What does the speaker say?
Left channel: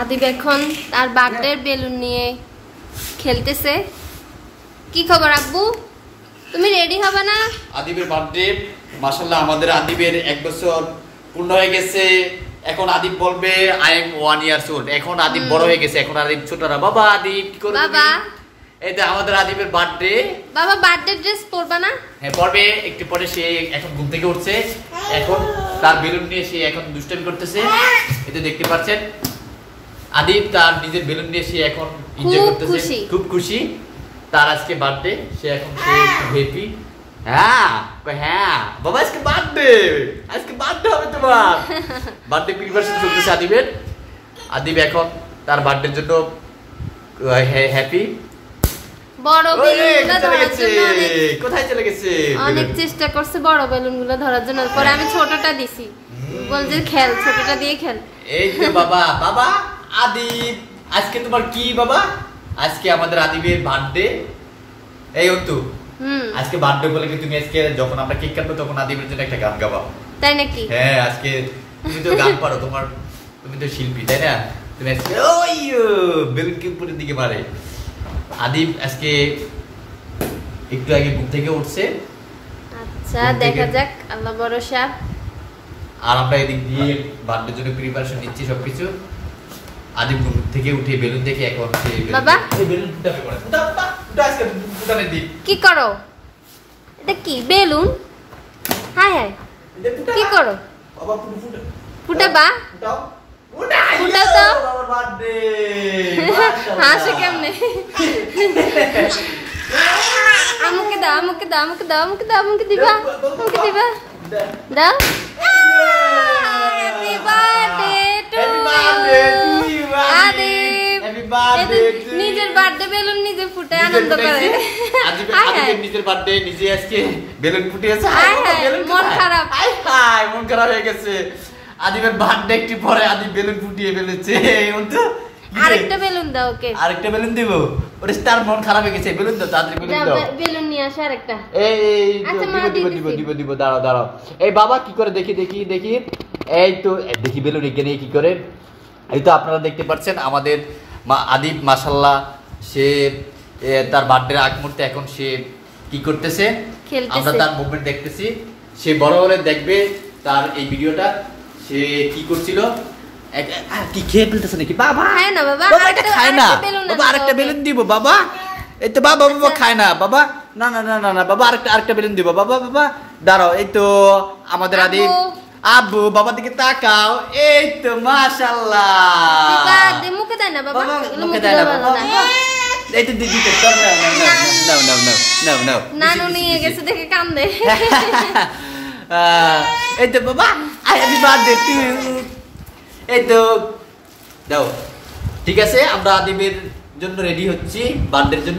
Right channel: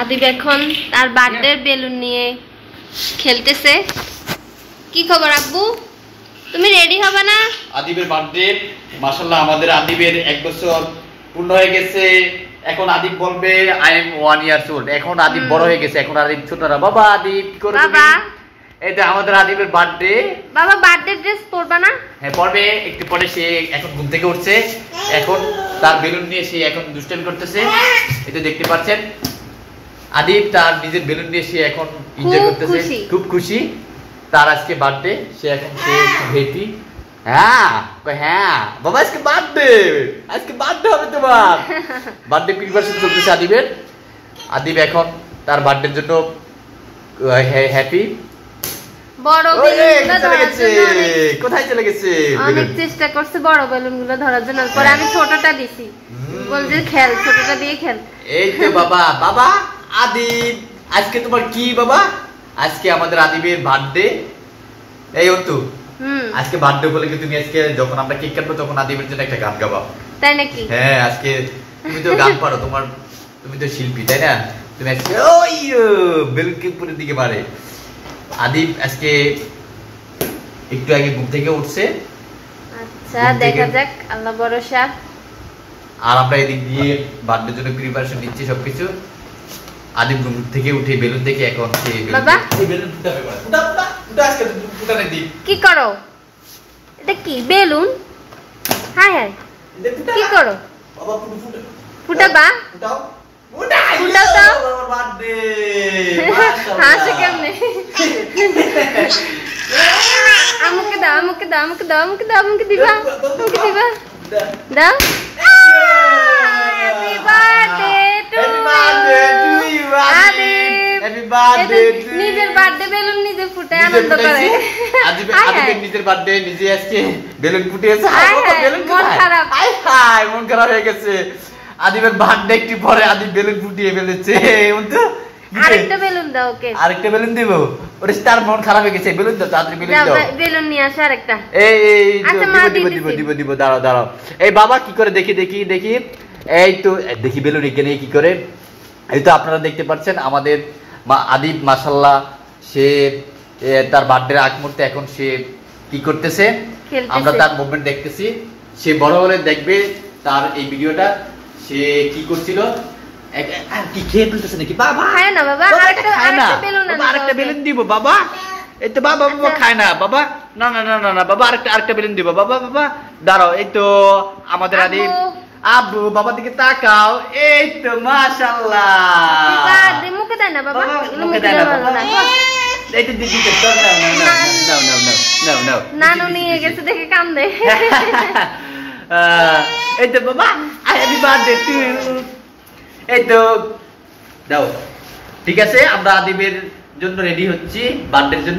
আদিব এখন তার birthday balloon নিয়ে খেলতেছে। কি খবর আব্বু, তুমি রেডি হবে না? আদিবের বার্থডে, মাশাআল্লাহ আমাদের আদিবের 1 বছর পূর্ণ হয়ে গেছে। এখন আদিব বলবে আই এম 1 ইয়ার্স ওল্ড। এখন আদিব বড় হয়ে গেছে, এখন আদিব ছোট না। বাবা আদিব কি করবে? বাবা এটা আমাদের আদিবের বার্থডে। বাবা বার্থডে ড্রেস পরবা না? হ্যাঁ পরবে, একটু পরে। সে এখন ঘুম থেকে উঠছে, এখন তার বেলুন নিয়ে সে এখন দুষ্টামি করতেছে। এটা দেখতে পাচ্ছেন আদিব তার নিজের বেলুন নিয়ে সে এখন এনজয় করতেছে, খুব খুশি। তার আজকে বার্থডে, সে এখন সে হ্যাপি। হ্যাঁ হ্যাঁ বাবা আজকে বার্থডে, আজকে বার্থডে হবে তোমার। বার্থডে প্রিপারেশন চলতেছে আদিবের। আদিব এখন তার বার্থডের জন্য হ্যাপি। বড় বেলুনগুলো ধরার জন্য কোথায় চলে গেছে? অনেক চেষ্টা করছে বড় বেলুনগুলো ধরার জন্য, পরে আমি ছোটটা দিছি। বলছে খেল, ছোটটা দিয়ে খেল। এই তো বাবা, বাবা আদিব আজকে তোমার কি বাবা? আজকে আমাদের আদিবের বার্থডে। এই অন্তু, আজকে বার্থডে বলে কি তুমি আজকে যখন আমরা কেক কাটবো তখন আদিবের জন্য একটা গান গাবা? তাই নাকি? হ্যাঁ আজকে তুমি তো গান পারো, তোমার তুমি তো শিল্পী তাই না? তুমি আজকে ওই বেলুন কে উপরের দিকে মারে। আদিব আজকে একটু আগে ঘুম থেকে উঠছে। আচ্ছা দেখা যাক, আল্লাহ ভরসা। আর আমরা এদিক দিয়ে বার্থডের জন্য প্রিপারেশন নিচ্ছি সবকিছু। আদিব ঘুম থেকে উঠে বেলুন দেখে এখন সে বাবা এই বেলুন ফুটাবে, ফুটা ফুটা ফুটা আজকে ফুটানে দি। কি করো? এটা কি বেলুন? হাই হাই কি করো? বাবা ফুটা ফুটাবা? ফুটাও ফুটাও তো। বার্থডে হাসি কেমনে? আমাকে দাও, আমাকে দাও, আমাকে দাও, আমাকে দাও, আমাকে দিবা, আমাকে দিবা, দাও। Happy birthday to you Adib. Happy birthday. নিজের বার্থডে বেলুন নিজে ফুটে আনন্দ করে। আদিবের নিজের বার্থডে নিজে আজকে বেলুন ফুটিয়েছে। মন খারাপ, হাই হাই মন খারাপ হয়ে গেছে। আদিবের বার্থডে একটু পরে আদিব বেলুন ফুটিয়ে ফেলেছে। অন্তু আরেকটা বেলুন দাও ওকে। আরেকটা বেলুন দেব? ওরে স্টার মন খারাপ হয়ে গেছে। বেলুন দাও তাড়াতাড়ি, বেলুন দাও। বেলুন নিয়ে আসো আরেকটা। এই আচ্ছা দিব দিব দিব দিব, দাঁড়াও দাঁড়াও। এই বাবা কি করে দেখি দেখি দেখি। এই তো দেখি বেলুন এখানে কি করে। এই তো আপনারা দেখতে পাচ্ছেন আমাদের আদিব মাশাআল্লাহ সে তার বার্থডে আগ মুহূর্তে এখন সে কি করতেছে, আমরা তার মুভমেন্ট দেখতেছি। সে বড় হলে দেখবে তার এই ভিডিওটা সে কি করছিল। কি খেয়ে ফেলতেছে নাকি? বাবা খায় না বাবা, আরেকটা বেলুন দিব বাবা। এই তো বাবা বাবা খায় না বাবা। না না না না না বাবা, আরেকটা বেলুন দিব বাবা। বাবা দাঁড়াও, এই তো আমাদের আদিব। আব্বু বাবা দিকে তাকাও। এই তো মাশাআল্লাহ। বাবা দে মুখে দেয় না বাবা, মুখে দেয় না বাবা। এই তো দিদি তো নাও নাও নাও নাও নাও। নানু নিয়ে গেছে দেখে কান্দে। এই তো বাবা হ্যাপি বার্থডে টু ইউ। এই তো দাও। ঠিক আছে, আমরা আদিবের জন্য রেডি হচ্ছি বার্থডের জন্য।